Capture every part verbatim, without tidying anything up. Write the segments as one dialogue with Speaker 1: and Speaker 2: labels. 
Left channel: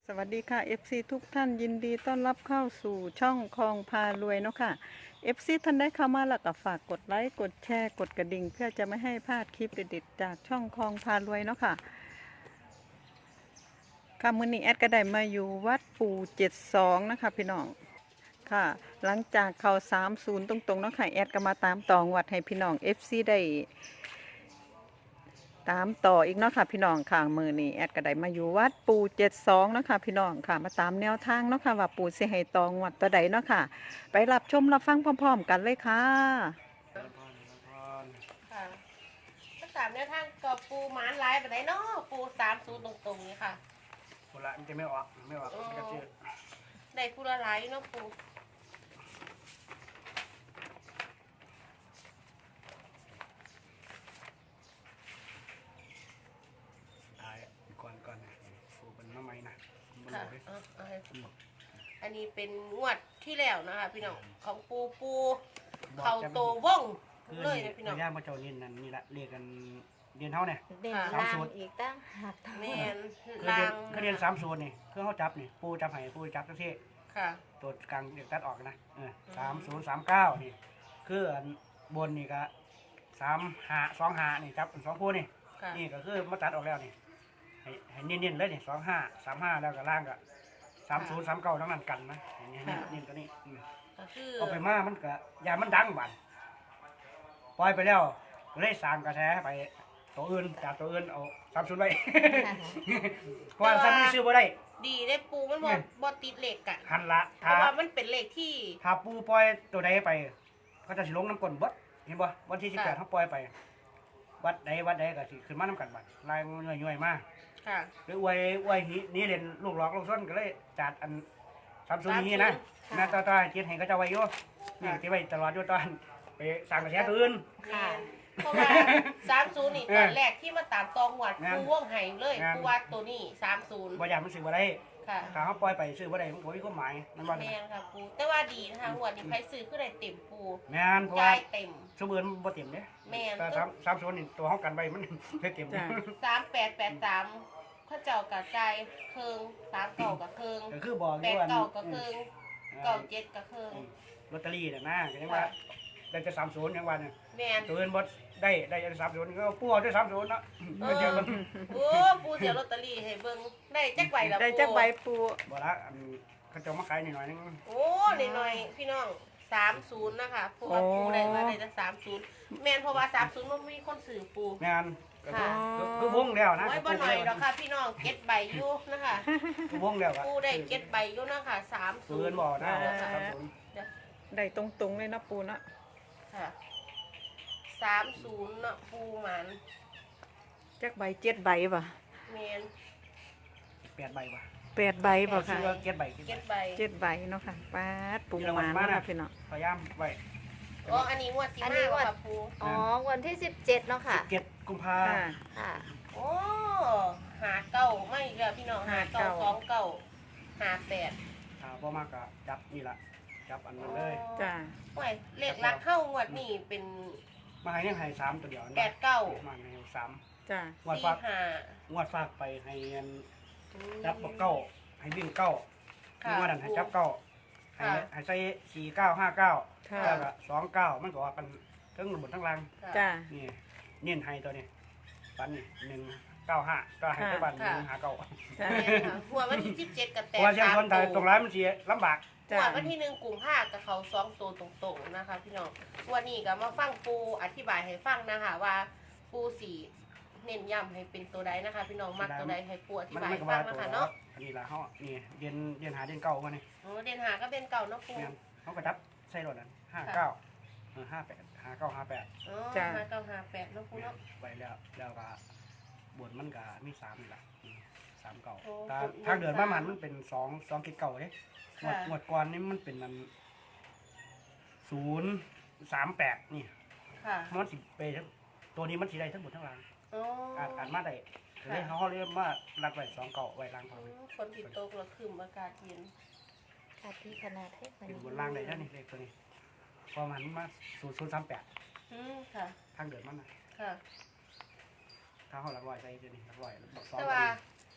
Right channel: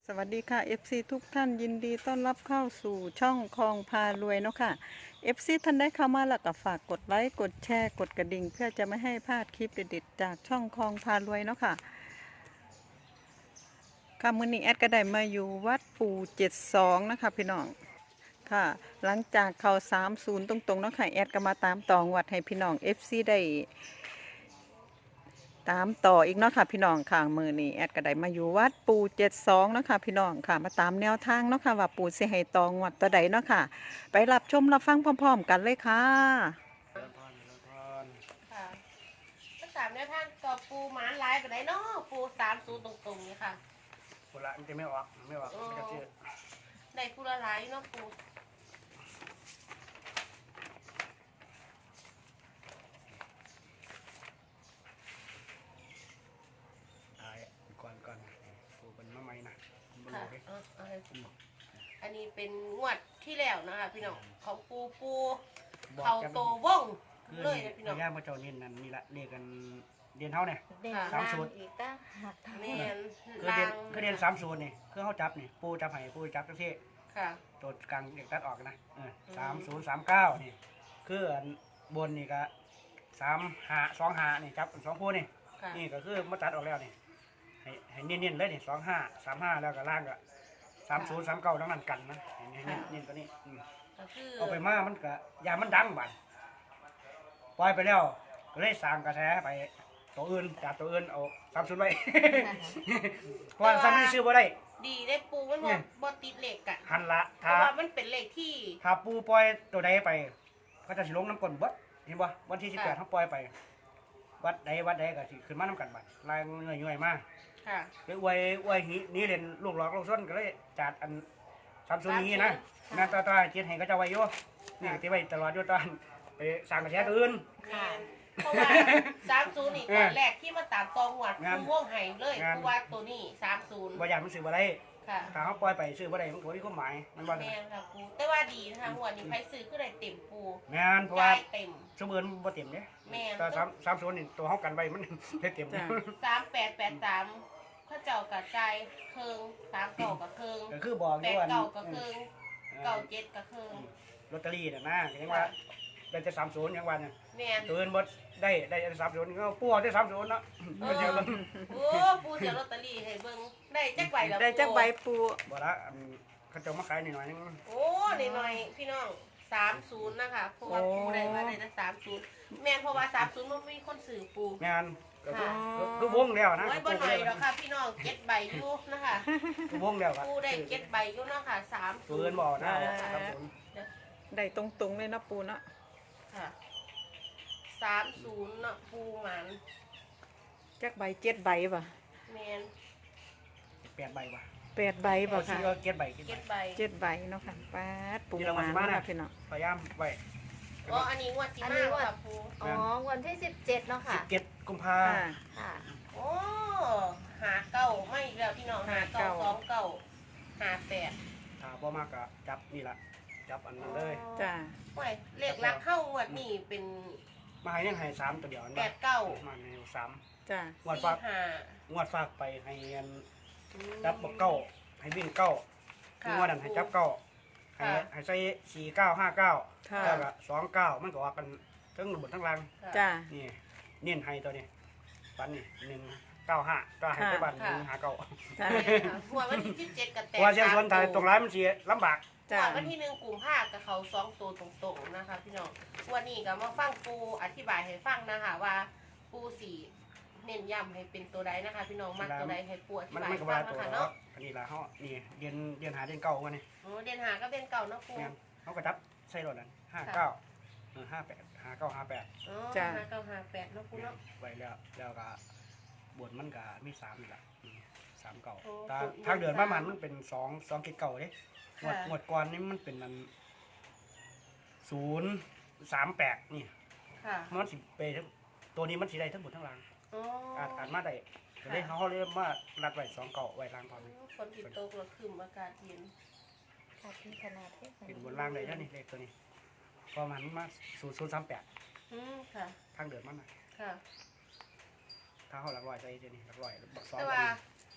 Speaker 1: วัสดีค่ะ เอฟ ซี ทุกท่านยินดีต้อนรับเข้าสู่ช่องคลองพารวยเนาะค่ะ เอฟ ซี ท่านได้เข้ามาแล้วก็ฝากกดไลค์กดแชร์กดกระดิ่งเพื่อจะไม่ให้พลาดคลิปเด็ดๆจากช่องคลองพารวยเนาะค่ะค่ะมื้อนี้แอดก็ได้มาอยู่วัดปู่เจ็ดสองนะคะพี่น้องค่ะ หลังจากเข้าสามสิบตรงๆเนาะค่ะแอดก็มาตามต่องวัดให้พี่น้อง เอฟ ซี ได้ตามต่ออีกเนาะค่ะพี่น้องค่ะมือนี้แอดก็ได้มาอยู่วัดปู่เจ็ดสองเนาะค่ะพี่น้องค่ะมาตามแนวทางเนาะค่ะว่าปู่สิให้ตองวัดตัวใดเนาะค่ะไปรับชมรับฟังพร้อมๆกันเลยค่ะ
Speaker 2: เดินพรเดินพร
Speaker 3: ค่ะถ้าสามแนวทางกับปูหมานลายไปไหนเนาะปูสามศูนย์ตรงๆนี้ค่ะ
Speaker 2: คนละมันจะไม่ออกไม่ออกไม่กระเชื่อ
Speaker 3: ได้คูละหลายอยู่เนาะปู
Speaker 2: ตายก่อนก่อนฟูเป็นมะไม้นะบน
Speaker 3: ค่ะ
Speaker 2: โลกเลย
Speaker 3: เอาเอาให้ปูอันนี้เป็นงวดที่แล้วนะคะพี่น้องของปูปูเขาโตว่อง
Speaker 2: คือ
Speaker 3: เลย
Speaker 2: นี่
Speaker 3: นะพี่น้
Speaker 2: ตั
Speaker 3: อ
Speaker 2: ว
Speaker 3: ง
Speaker 2: ย่างพระเจ้านี่นั่นนี่ละเรียกกันเรียนเท่าเนี่ย
Speaker 4: เด่น
Speaker 2: สาม
Speaker 4: ล่า
Speaker 2: สู
Speaker 4: ง
Speaker 2: ตร
Speaker 4: อีกตั้งหัก
Speaker 3: แม่น
Speaker 2: คือ
Speaker 3: ลา
Speaker 2: เรียน
Speaker 3: ง
Speaker 2: คือเรียนสามศูนย์นี่คือเขาจับนี่ปูจับไห้ปูจับทั้งที่
Speaker 3: ค่ะ
Speaker 2: ตัวกลางเด็กตัดออกนะเออสามศูนย์สามเก้านี่คืออันบนนี่ก็สามหาสองหานี่จับสองคู่นี่
Speaker 3: ค่ะ
Speaker 2: นี่ก็คือมาตัดออกแล้วนี่ให้ให้เน้นๆเลยนี่สองห้าสามห้าแล้วก็ล่างก็สามศูนย์สามเก้าทั้งนั้นกันนะเน้นๆเน้นตัวนี้อืม
Speaker 3: ก็คือ
Speaker 2: เอาไปมามันก็ยามันดังบัดปล่อยไปแล้วก็เลยสร้างกระแสไปตัวอื่นจากตัวอื่นเอาสามศูนย์ไว้ เพราะว่าซ้ำไม่ซื้อบ่ได้
Speaker 3: ดีได้ปูมัน
Speaker 2: เนี่
Speaker 3: บ่
Speaker 2: ย
Speaker 3: บ่ติดเหล็กอะ
Speaker 2: หันละ
Speaker 3: เพ
Speaker 2: ถ้า
Speaker 3: ราะว่ามันเป็นเหล็กที่
Speaker 2: ถ้าปูปล่อยตัวใดไปเขาจะสิลงน้ำก้นเบิดเห็นบ่วันที่สิบแปด
Speaker 3: ค่ะ
Speaker 2: เขาปล่อยไป วัดใดวัดใดก็สิขึ้นมาน้ำกันบัดลายเงยย่อยๆมา
Speaker 3: ค่ะ
Speaker 2: คืออวยอวยนี้นี่เล่นลูกหลอกลูกส้นก็เลยจัดอันสามศูนย์นี้นะ
Speaker 3: ค่ะ
Speaker 2: แม่ตาตาเจ็ดให้ก็จะไว้อยู่นี่ก็สิไว้ตลอดอยู่ตอนไปสร้างกระแสตัวอื่น
Speaker 3: ค่ะเพราะว่าสามศูนย์นี่
Speaker 2: เอ
Speaker 3: ต
Speaker 2: อ
Speaker 3: อนแรกที่มาตามตองหวัด
Speaker 2: งาม
Speaker 3: ปูว่องไห้เลย
Speaker 2: งาม
Speaker 3: ปูว่าตัวนี้สามศูนย์
Speaker 2: บ่อยากมันซื้อบ่ได้
Speaker 3: ค่ะ
Speaker 2: ถ้าเขาปล่อยไปซื้อบ่ได้มันก็มีความหมายมันบ่
Speaker 3: แม
Speaker 2: ได้
Speaker 3: นค่ะปูแต่ว่าดีนะคะหัวดนี้ไผซื้อคือได้เต็มปู
Speaker 2: แม่นเพราะว่า
Speaker 3: จ่ายเต็ม
Speaker 2: สมือนบ่เต็มเด้
Speaker 3: แม่น
Speaker 2: แต่สามสามศูนย์นี่ตัวเฮากันไว้มัน ได้เต็ม
Speaker 1: จ้ะ
Speaker 3: สามแปดแปดสามข้าเจ้ากับใจายเคิงสามเก่ากับเคิง
Speaker 2: ก็คือบอกอ
Speaker 3: แป
Speaker 2: ยู่
Speaker 3: ด
Speaker 2: ว่า
Speaker 3: เก่ากับเคิง
Speaker 2: เอ
Speaker 3: เก่า
Speaker 2: อ
Speaker 3: เจ็ดกับเคิง
Speaker 2: ลอตเตอรี่น่ะนะก็ยังว่าได้แต่สามศูนย์ยังว่าเนี่ย
Speaker 3: แมน
Speaker 2: ตัวอื่นบ่ได้ได้แต่สามศูนย์ก็ปู่เอาแต่สามศูนย์เนาะก็เดียวกัน
Speaker 3: โอ้ปูเสียลอตเตอรี่ให้เบิ่งได้จักใบแล้ว
Speaker 1: ได้จักใบปู
Speaker 2: บ่ละอันเขาเจะมาขายหน่อยๆนึง
Speaker 3: โอ้หน่อยๆพี่น้องสามศูนย์นะคะเพราะว่าปูได้มาได้แต่สามศูนย์แมนเพราะว่าสามศูนย์มันมีคนสื่อปู
Speaker 2: แม่นก็คือ
Speaker 3: ค่ะ
Speaker 2: คือคือวงแล้วนะ
Speaker 3: โอ้ย
Speaker 2: ก็
Speaker 3: บ่
Speaker 2: ปู
Speaker 3: หน่อย
Speaker 2: เลย
Speaker 3: แล้วค่ะพี่น้องเก็ตใบอยู่นะคะ
Speaker 2: คือวงแล้วก็
Speaker 3: ปูได้เก็ตใบอยู่เนาะค่ะสาม
Speaker 2: ตัวอื่นบ่นะสามศูนย์
Speaker 1: ได้ตรงๆเลยเนาะปูเนาะ
Speaker 3: ค่ะสามศูนย์เนาะปูหมัน
Speaker 1: จักใบเจ็ดใบป่ะ
Speaker 3: แมน
Speaker 2: แปดใบว่ะ
Speaker 1: แปดใบป่ะค่ะ
Speaker 2: ซื้อเจ็ดใบเจ็ด
Speaker 3: เก็ต
Speaker 2: ใบ
Speaker 3: ใบ
Speaker 1: เจ็ดใบเนาะค่ะป้าดปูมาเนาะค่ะพี่น้อง
Speaker 2: พยายามไว้
Speaker 3: อ๋ออันนี้งวดที่มาค่ะปู
Speaker 4: อ๋อ วันที่สิบเจ็ดเนาะค่ะ
Speaker 2: เจ็ดกุมภา
Speaker 1: ค่ะ
Speaker 4: ค่ะ
Speaker 3: โอ้หาเก้าไม่อีกแล้วพี่น้อง
Speaker 1: หา
Speaker 3: หา
Speaker 1: เก้า
Speaker 3: เก้าสองเก้าหาแปด
Speaker 2: ถ้าบ่มากก็จับนี่ล่ะจับอันนั้นเลย
Speaker 1: จ้า
Speaker 3: โอ้ยเลขลักเข้างวดนี่เป็น
Speaker 2: มาให้ยังให้สามตัวเดียวนะ
Speaker 3: แปดเก้า
Speaker 2: มาให้สาม
Speaker 1: จ้าง
Speaker 2: วด
Speaker 3: สี่
Speaker 2: ฝาก
Speaker 3: ห้าง
Speaker 2: วดฝากไปให้เงินจับบอกเก้าให้วิ่งเก้าที่ว่านั่นให้จับเก้าให้ให้ใส่สี่เก้าห้าเก้า
Speaker 1: ค่ะ
Speaker 2: แล้วก็สองเก้ามันก็ว่ากันทั้งบนทั้งล่าง
Speaker 1: จ้า
Speaker 2: นี่เน้นให้ตัวนี้ปันนี่หนึ่งเก้าห้าก็ให้ไปบันหนึ่งห้าเก้า
Speaker 1: จ้า
Speaker 3: แม่นค่ะหัวดวันที่สิบเจ็ดกับ
Speaker 2: เพ
Speaker 3: แต
Speaker 2: ราะว่าเชียงชนไทยตรงร้านมันเสียลำบาก
Speaker 3: หั
Speaker 1: จ้าว
Speaker 3: ดวันที่หนึ่งกลุ่มห้ากับเขาสองตัวตรงๆนะคะ พี่น้องวันนี้ก็มาฟังปูอธิบายให้ฟังนะคะว่าปูสีเน้นย้ำให้เป็นตัวใดนะคะ พี่น้องมักตัวใดให้ปูอธิ
Speaker 2: มัน
Speaker 3: บาย
Speaker 2: มัน
Speaker 3: ให้
Speaker 2: ก็
Speaker 3: ฟั
Speaker 2: มาง ตัว
Speaker 3: นะคะ
Speaker 2: แล้ว
Speaker 3: เนาะ
Speaker 2: อันนี้ละเขานี่เรียนเรียนหาเรียนเก่ากันนี่
Speaker 3: โอ้เรียนหาก็เป็นเก่าเนาะปู
Speaker 2: เนี่ยเขาก็จับใส่รถนั้นห้าเก้าเออห้าแปดห้าเก้าห้าแปด
Speaker 3: อ๋อ
Speaker 1: จ้ะ
Speaker 3: ห้าเก้าห้าแปดเนาะปูเนาะ
Speaker 2: ไว้แล้วแล้วก็บนมันก็มีสามนี่แหละอืมสามเก่า
Speaker 3: โอ้
Speaker 2: ถ้า
Speaker 3: บน
Speaker 2: ทางเดินประมาณมันเป็นสองสองกิเก่าเด้หมวด
Speaker 3: ค่ะ
Speaker 2: หมวดก่อนนี่มันเป็นมันศูนย์สามแปดนี่
Speaker 3: ค่ะ
Speaker 2: มันสิไปทั้งตัวนี้มันสีได้ทั้งหมดทั้งราง
Speaker 3: อ๋อ
Speaker 2: อ่านอ่านมาได้เลยเขาเรียกว่ารัดไว้สองเก่าไว้รางก่อน
Speaker 3: ฝนติดตกแล้วคืมอากาศเย็น
Speaker 4: ค่ะที่ขนาดเทพ
Speaker 2: เป็นบนรางได้แค่นี้เลขตัวนี้พอมันมาศูนย์ศูนย์สามแปด
Speaker 3: อืมค่ะ
Speaker 2: ทางเดินมันน่ะ
Speaker 3: ค่ะ
Speaker 2: ถ้าเขาหลักร้อยใส่ตัวนี้หลักร้อยบักสอง
Speaker 3: แต่
Speaker 2: ตัว
Speaker 3: ว่า
Speaker 2: นี้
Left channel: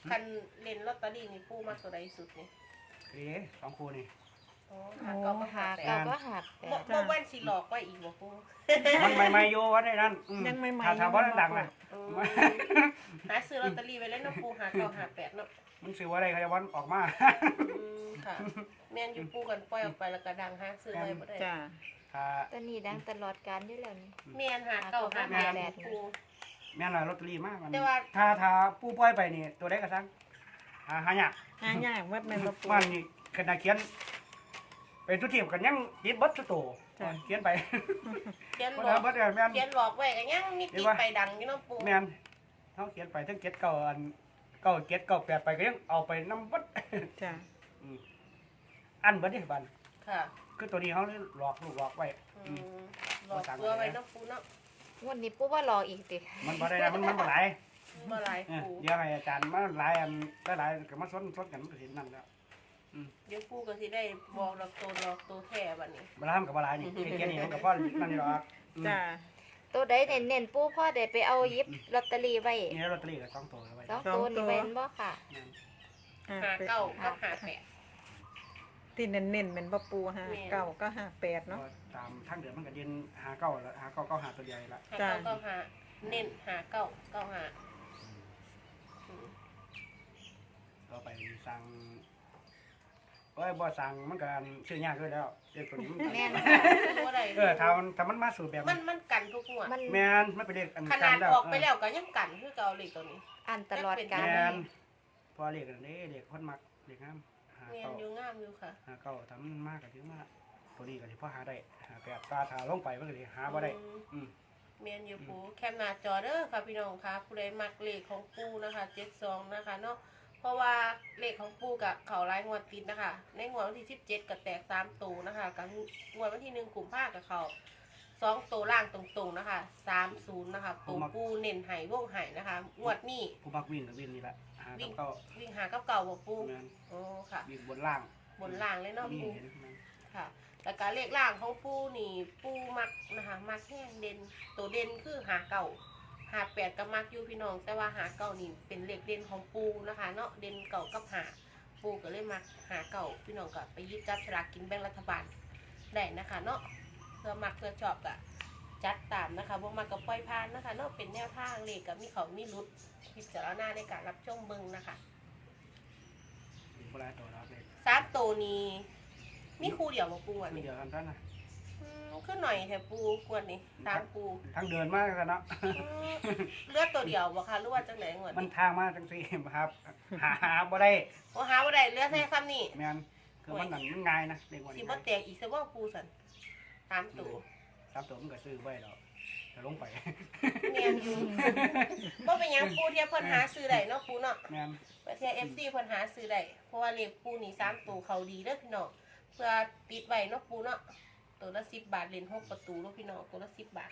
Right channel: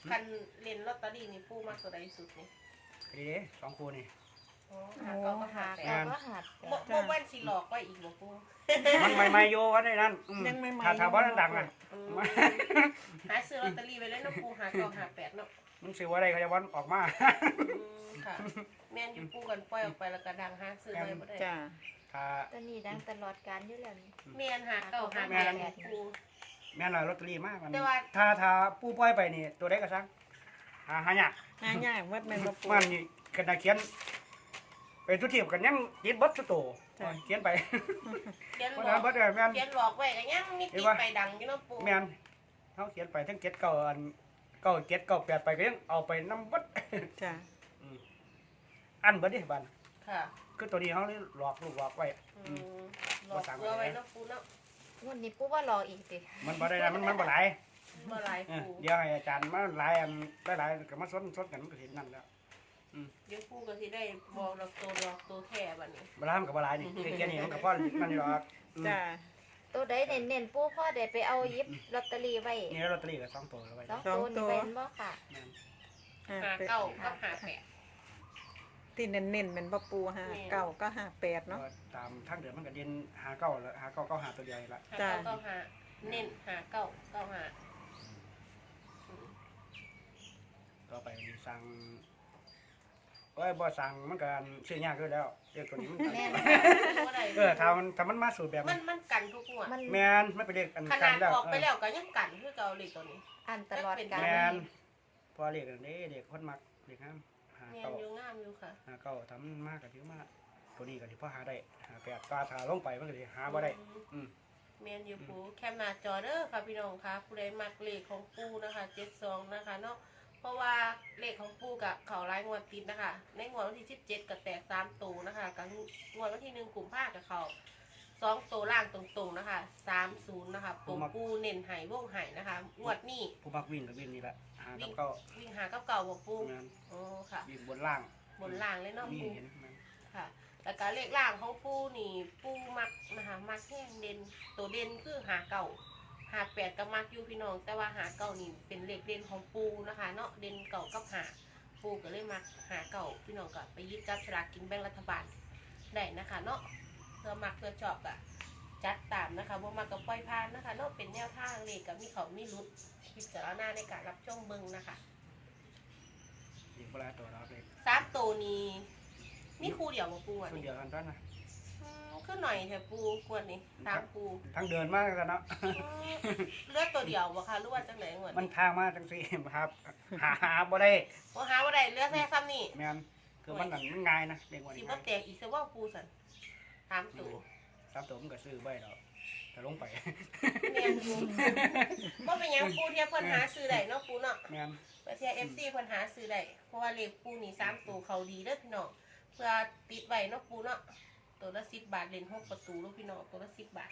Speaker 3: คันเล่นลอตเตอรี่นี่ปูมักตัวใดสุดนี่
Speaker 2: ดีสองคู่นี่
Speaker 3: อ๋อ
Speaker 4: โอ้
Speaker 3: หา
Speaker 4: หัก
Speaker 3: เก้า
Speaker 4: เราก็หัก
Speaker 3: บ่บ่วันสิหลอกไว้อีกบ่ปู
Speaker 2: มันใหม่ๆอยู่ว่าได้นั่นอื
Speaker 1: ยังไม่ใหม่
Speaker 2: ถ้าถ้าบ่ดังๆอ่ะ
Speaker 3: อืมหาซื้อลอตเตอรี่ไว้แล้วเนาะปูหาเก้าหาแปดเนาะ
Speaker 2: มึงซื้อว่าได้เขาจะวันออกมา
Speaker 3: อืมค่ะแม่นอยู่ปูกันปล่อยออกไปแล้วก็ดังหาซื้อไว้บ่ได้
Speaker 1: จ้า
Speaker 2: ถ้า
Speaker 4: ตัวนี้ดังตลอดการอยู่แล้วนี่
Speaker 3: แม่นหาเก้าหาแปดเนี่ยปู
Speaker 2: แม่นล่ะลอตเตอรี่มากมัน
Speaker 3: แต่ว่า
Speaker 2: ถ้าถ้าผู้ปล่อยไปนี่ตัวใดก็ซังหาหายาก
Speaker 1: หายากวัดแม่นบ่ปู
Speaker 2: มันนี่ขนาดเขียนเป็นทุกทีมกันยังยิดเบัดชุดโต
Speaker 1: จ้ะ
Speaker 2: เขียนไป
Speaker 3: เขียน
Speaker 2: เพราะ
Speaker 3: หลอ
Speaker 2: ฉะ
Speaker 3: ก
Speaker 2: นั้นเบัดเนี่ยแม่น
Speaker 3: เขียนหลอกไว้ก็ยังมีติดไปดังอยู่เนาะปู
Speaker 2: แม่นเขาเขียนไปทั้งเก็ดเก่าอันเก่าเก็ดเก่าแปดไปก็ยังเอาไปน้ำเบัด
Speaker 1: จ้า
Speaker 2: อืมอันเบัดนี่บัน
Speaker 3: ค่ะ
Speaker 2: คือตัวนี้เขาเลยหลอกลูกหลอกไว้
Speaker 3: อืมหลอกตัวไว้เนาะปูเนาะ
Speaker 4: งวันนี้ปุ๊บว่ารออีกติ
Speaker 2: มันบ่ได้นะมันมันบ่หลาย
Speaker 3: บ่หลาย
Speaker 2: เออ
Speaker 3: ปู
Speaker 2: เดี๋ยวให้อาจารย์มาหลายอันได้หลายก็มาซ้อนซ้อนกันมันก็สินั่นแล้ว
Speaker 3: เดี๋ยวปูก็สิได้บอกหลอกตัวหลอกตัวแค่บัดนี้
Speaker 2: บ่ทำกับบ่หลายนี่คือแค่นี้มันก็พอนั่นนี่หรอกอืม
Speaker 1: จ้า
Speaker 4: ตัวใดเน้นๆปุ๊บพ่อได้ไปเอาหยิบลอตเตอรี่ไว้
Speaker 2: นี่ลอตเตอรี่ก็สองตัวเอาไว้
Speaker 4: สองตัวนี่เป็นบ่ค่ะ
Speaker 2: แม่น
Speaker 1: ห้า
Speaker 3: หา
Speaker 1: แปด
Speaker 3: เก้าก็หาแปด
Speaker 1: ที่เน้นๆแม่นบ่ปูห้าเก้าก็ห้าแปดเนาะ
Speaker 2: ก็ตามทางเดือนมันก็เรียนหาเก้าแล้วหาเก้าเก้าหาตัวใหญ่ละ
Speaker 3: หา
Speaker 1: จ้ะ
Speaker 3: เก้าก็หาเน้นหาเก้าเก้าหาอืม
Speaker 2: ต่อไปสั่งโอ้ยบ่สั่งมันก็ซื้อยากด้วยแล้วเรียกตัวนี้มัน
Speaker 4: แม่น
Speaker 3: บ่ได้
Speaker 2: เออถ้ามันถ้ามันมาสู่แบบ
Speaker 3: มันมันกันทุกหัวด
Speaker 4: มัน
Speaker 2: แม่นมันเป็นเรียกอัน
Speaker 3: ข
Speaker 2: กั
Speaker 3: นาน ด
Speaker 2: แล้ว
Speaker 3: ออกไปแล้วก็ยังกันคือเก่าเลยตัวนี้
Speaker 4: อันตลอดการ
Speaker 2: แม่นพอเรียกอันนี้เรียกคนมักเรียกงามหา
Speaker 3: เนียน
Speaker 2: เก้า
Speaker 3: อยู่งามอยู่ค่ะ
Speaker 2: หาเก้าถ้ามันมากก็ถือมากตัวนี้ก็สิพอหาได้หาแปดตาถ้าลงไปมันก็สิหาบ่ได้อืม
Speaker 3: เมียนอยู่ปูแคมหน้าจอเด้อค่ะพี่น้องค่ะผู้ใดมักเลขของปูนะคะเจ็ดสองนะคะเนาะเพราะว่าเลขของปูกับเขารายงวดติดนะคะ ในงวดวันที่สิบเจ็ดกับแตกสามตูนะคะกับงวดวันที่หนึ่งกลุ่มภาคกับเขาสองตัวล่างตรงๆนะคะสามศูนย์นะคะปูปูเน้นไห่วงไห่นะคะงวดนี้
Speaker 2: ผู้มักวิ่งก็วิ่งนี่แหละหาเก้าเก้า
Speaker 3: วิ่งหากับเก่าบอกปู
Speaker 2: แม่น
Speaker 3: โอ้ค่ะ
Speaker 2: วิ่งบนล่าง
Speaker 3: บนล่างเลยเนาะ
Speaker 2: นี่
Speaker 3: ปู
Speaker 2: เห็นไหม
Speaker 3: ค่ะแต่การเลขล่างของปูนี่ปูมักนะคะมักแห้งเด่นตัวเด่นคือหาเก่าหาแปดกับมักอยู่พี่น้อง แต่ว่าหาเก่านี่เป็นเลขเด่นของปูนะคะเนาะเด่นเก่ากับหาปูก็เลยมักหาเก่าพี่น้องก็ไปยึดจับสลากกินแบ่งรัฐบาลได้นะคะเนาะเพื่อมักเพื่อชอบก็จัดตามนะคะบ่มักกับปล่อยผ่านนะคะเนาะเป็นแนวทางเลขกับมีเขามีรุดพิจารณาในการรับชมเบิ่งนะคะ
Speaker 2: เห็นโบราณตัวเราเลย
Speaker 3: สามตัวนี้มีครูเดียวมาปูอ่ะ
Speaker 2: คน
Speaker 3: นี่
Speaker 2: เดียวกันท่านนะ
Speaker 3: อืมขึ้นหน่อยแถวปูกวนนี่ตามปู
Speaker 2: ทั้งเดินมากกันเนาะ
Speaker 3: อืมเลือดตัวเดียวบ่คะหรือว่าจังไหนงวด
Speaker 2: มัน
Speaker 3: นี้
Speaker 2: ทางมาจังสี่ครับ หาหาบ่ได้
Speaker 3: บ่หาว่าได้เลือดแค่ซ้ำนี่
Speaker 2: แม่นคือมันหนังมันง่ายนะเด็กวัน
Speaker 3: สิ
Speaker 2: นี้
Speaker 3: บ่แตกอีกซะว่าปูสันตามตัว
Speaker 2: สามตัวมันก็ซื้อไว้แล้วแต่ลงไป
Speaker 3: เนียนอยู่บ่เป็นหยังปูเทียบเพิ่นหาซื้อได้เนาะปูเนาะ
Speaker 2: แม่น
Speaker 3: ประเทศ เอฟ ซี เพิ่นหาซื้อได้เพราะว่าเลขปูนี่สามตัวเขาดีเด้อพี่น้องเพื่อติดไว้เนาะปูเนาะตัวละสิบบาทเล่นหกประตูเนาะพี่น้องตัวละสิบบาท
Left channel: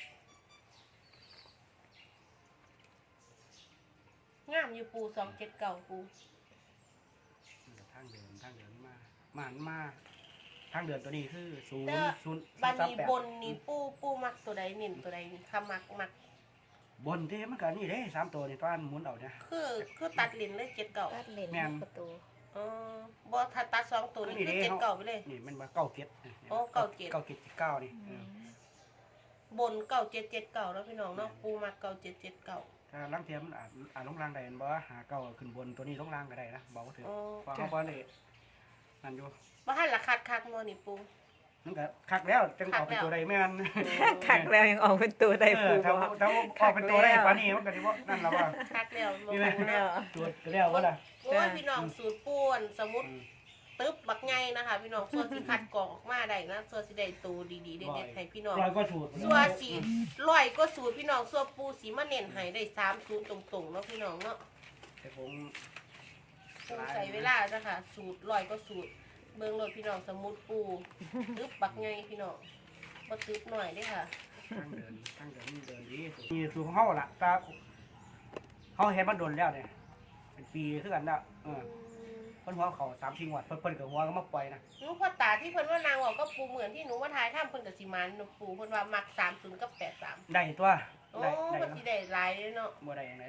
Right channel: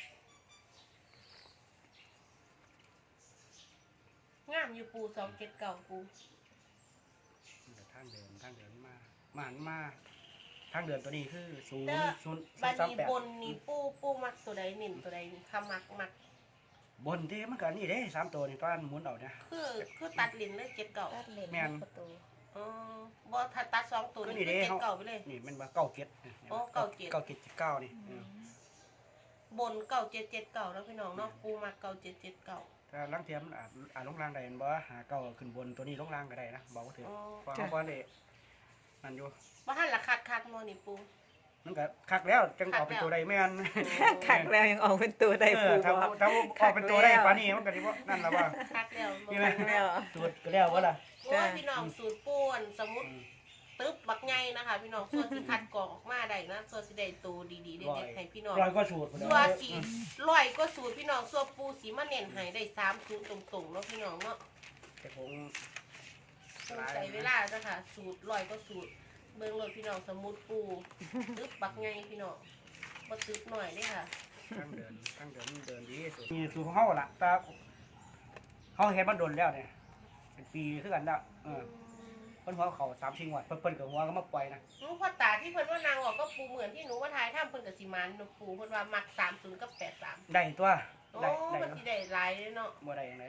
Speaker 3: งามอยู่ปูสองเจ็ดเก้าปู
Speaker 2: มันก็ทางเดินทางเดินมามาหันมาทางเดินตัวนี้คือศูนย์ศูนย์
Speaker 3: บ้าน
Speaker 2: สาม
Speaker 3: นี้
Speaker 2: แปด
Speaker 3: บนนี่ปูปูมักตัวใดเน้นตัวใดนี่คำมักมัก
Speaker 2: บนที่มันก็นี่เด้สามตัวนี่ตอนหมุนเอาเนี่ย
Speaker 3: คือคือตัดลิ้นเลยเจ็ดเก่า
Speaker 4: ตัดเลน
Speaker 2: แม่น
Speaker 4: ประตู
Speaker 3: อ๋อบ่ถ้าตัดสองตัวนี่คือเจ็ดเก่าไปเลย
Speaker 2: นี่มันมาเก้าเก็ด
Speaker 3: โอ้เก้าเจ็ด
Speaker 2: เก้าเจ็ดเก้านี่
Speaker 4: อืม
Speaker 3: บนเก่าเจ็ดเจ็ดเก่าแล้วพี่น้องเนาะปูมักเก่าเจ็ดเจ็ดเก่า
Speaker 2: ถ้าลังเทียมนอาจอาจลงล่างได้มันบ่หาเก้าขึ้นบนตัวนี้ลงล่างก็ได้นะบอกว่าถือ
Speaker 3: โอ้
Speaker 2: เพราะเขาบ่ได้นั่นอยู่
Speaker 3: บ่ทันละคัดคักเนาะนี่ปู
Speaker 2: มันก็คักแล้วจังเอาเป็นตัวใดแม่น
Speaker 1: ขักแล้วยังออกเป็นตัวได้
Speaker 2: เอ
Speaker 1: ปู
Speaker 2: อถ้า
Speaker 1: บอก
Speaker 2: ถ้าเอาเป็นตัวได้ปานนี้มันก็สิบ่นั่นแล้วว่า
Speaker 3: คักแล้ว
Speaker 2: นี่ไหม
Speaker 1: ขักแล้ว
Speaker 2: สูตรก็แล้วว่าล่ะ
Speaker 3: โอ้ยพี่น้องสูตรปูนสมุดตึ๊บบักไงนะคะพี่น้องส่วนสิคัดกรองออกมาได้นะส่วนสิได้ตัวดีๆเด็ดๆให้พี่น้อง
Speaker 2: ร้อยกว่าสูตร
Speaker 3: ส่วนสีร้อยก็สูตรพี่น้องส่วนปูสีมาเน้นให้ได้สามสูตรตรงๆเนาะพี่น้องเนาะ
Speaker 2: แต่ผม
Speaker 3: ปูใส่เวลาจ้ะค่ะสูตรร้อยก็สูตรเบิ่งรถพี่น้องสมุดปูตึ๊บบักไงพี่น้องบ่ตึ๊บหน่อยเด้อค่ะ
Speaker 2: ตั้งเดินตั้งเดินเดินดีที่สุดนี่สูตรของเฮาล่ะตาเฮาเฮ็ดมันโดนแล้วเนี่ยเป็นปีคือกันแล้วเออเพิ่นหัวเขาสามสี่งวดเพิ่นเพิ่นก็หัวก็มาปล่อยนะ
Speaker 3: หนูพ่อตาที่เพิ่นว่านางออกก็ปูเหมือนที่หนูมาทายถ้ำเพิ่นกับสิมันหนูปูเพิ่นว่ามักสามศูนย์กับแปดสาม
Speaker 2: ได้ตัว
Speaker 3: โอ้
Speaker 2: ได้ได้
Speaker 3: มันสิได้หลายเลยเนาะ
Speaker 2: บ่ได้อย่างไรนะเอาไป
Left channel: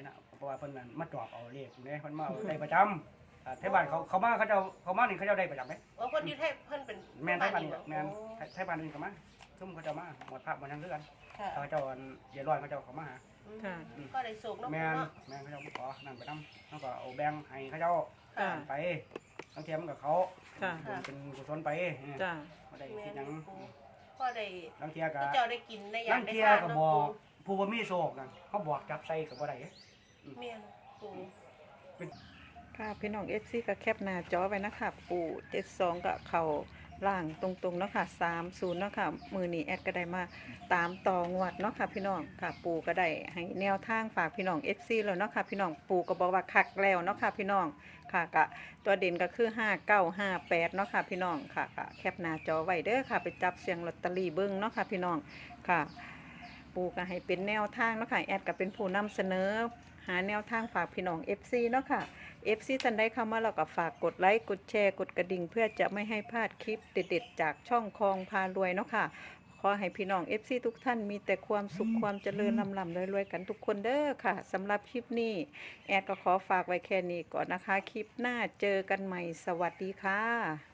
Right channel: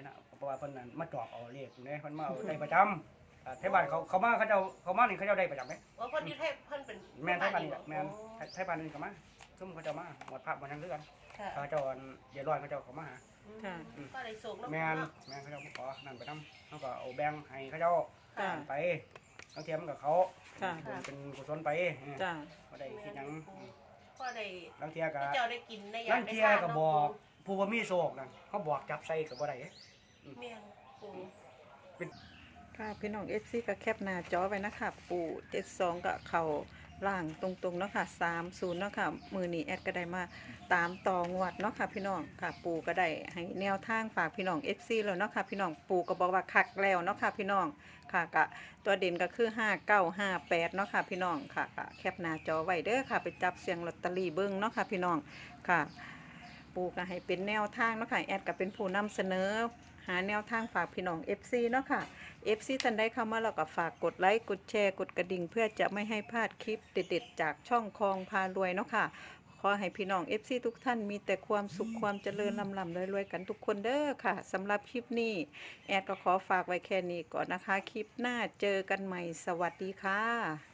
Speaker 2: ราะว่าเพิ่นนั่นมาจอบเอาเลขอยู่เนี่ยเพิ่นมาเอาได้ประจำอ่าไทบ้านเขาเขามาเขาเจ้าเขามานี่เขาเจ้าได้ประจำไหม
Speaker 3: โอ้เพิ่นอยู่ไทยเพิ่นเป็น
Speaker 2: แม่นไทบ้าน
Speaker 3: เหรอ
Speaker 2: แม่นไทบ้านนี่ก็มาซุ่มเขาเจ้ามาหมดภาพหมดทั้งคือกัน
Speaker 3: ค่ะ
Speaker 2: เขาเจ้าอันเดี๋ยวร้อยเขาเจ้าเขามาหา
Speaker 1: ค่ะ
Speaker 3: ก็ได้ส่งเนาะ
Speaker 2: แม่นแม่นเขาเจ้ามาขอนั่นไปนำเขาก็เอาแบ่งให้เขาเจ้า
Speaker 1: ค่ะ
Speaker 2: ไปบางเทียมันกับเขา
Speaker 1: ค่ะ
Speaker 2: เป็นเป็นกุศลไป
Speaker 1: จ้า
Speaker 2: เขาได้
Speaker 3: แม่
Speaker 2: คิด
Speaker 3: น
Speaker 2: หยัง
Speaker 3: ปูพ่อได้
Speaker 2: บางเทียก็
Speaker 3: ที่เจ้าได้กินได้
Speaker 2: บางเทียก็บอกผู้บ่มีโชคนั่นเขาบอกจับใส่ก็บ่ได้เด้
Speaker 3: แม่นปู
Speaker 1: ค่ะพี่น้อง เอฟ ซี ก็แคปหน้าจอไว้นะคะปู่เจ็ดสองก็เข้าล่างตรงๆเนาะค่ะสามศูนย์เนาะค่ะมือนี้แอดก็ได้มาตามต่องวดเนาะค่ะพี่น้องค่ะปู่ก็ได้ให้แนวทางฝากพี่น้อง เอฟ ซี แล้วเนาะค่ะพี่น้องปู่ก็บอกว่าคักแล้วเนาะค่ะพี่น้องค่ะก็ตัวเด่นก็คือห้าเก้าห้าแปดเนาะค่ะพี่น้องค่ะก็แคปหน้าจอไว้เด้อค่ะไปจับเสียงลอตเตอรี่เบิ้งเนาะค่ะพี่น้องค่ะ ปู่ก็ให้เป็นแนวทางเนาะค่ะแอดก็เป็นผู้นำเสนอหาแนวทางฝากพี่น้อง เอฟ ซี เนาะค่ะ เอฟ ซี ท่านใดเข้ามาแล้วก็ฝากกดไลค์กดแชร์กดกระดิ่งเพื่อจะไม่ให้พลาดคลิปเด็ดๆจากช่องคลองพารวยเนาะค่ะขอให้พี่น้อง เอฟ ซี ทุกท่านมีแต่ความสุขความเจริญลำลำรวยๆกันทุกคนเด้อค่ะสำหรับคลิปนี้แอดก็ขอฝากไว้แค่นี้ก่อนนะคะคลิปหน้าเจอกันใหม่สวัสดีค่ะ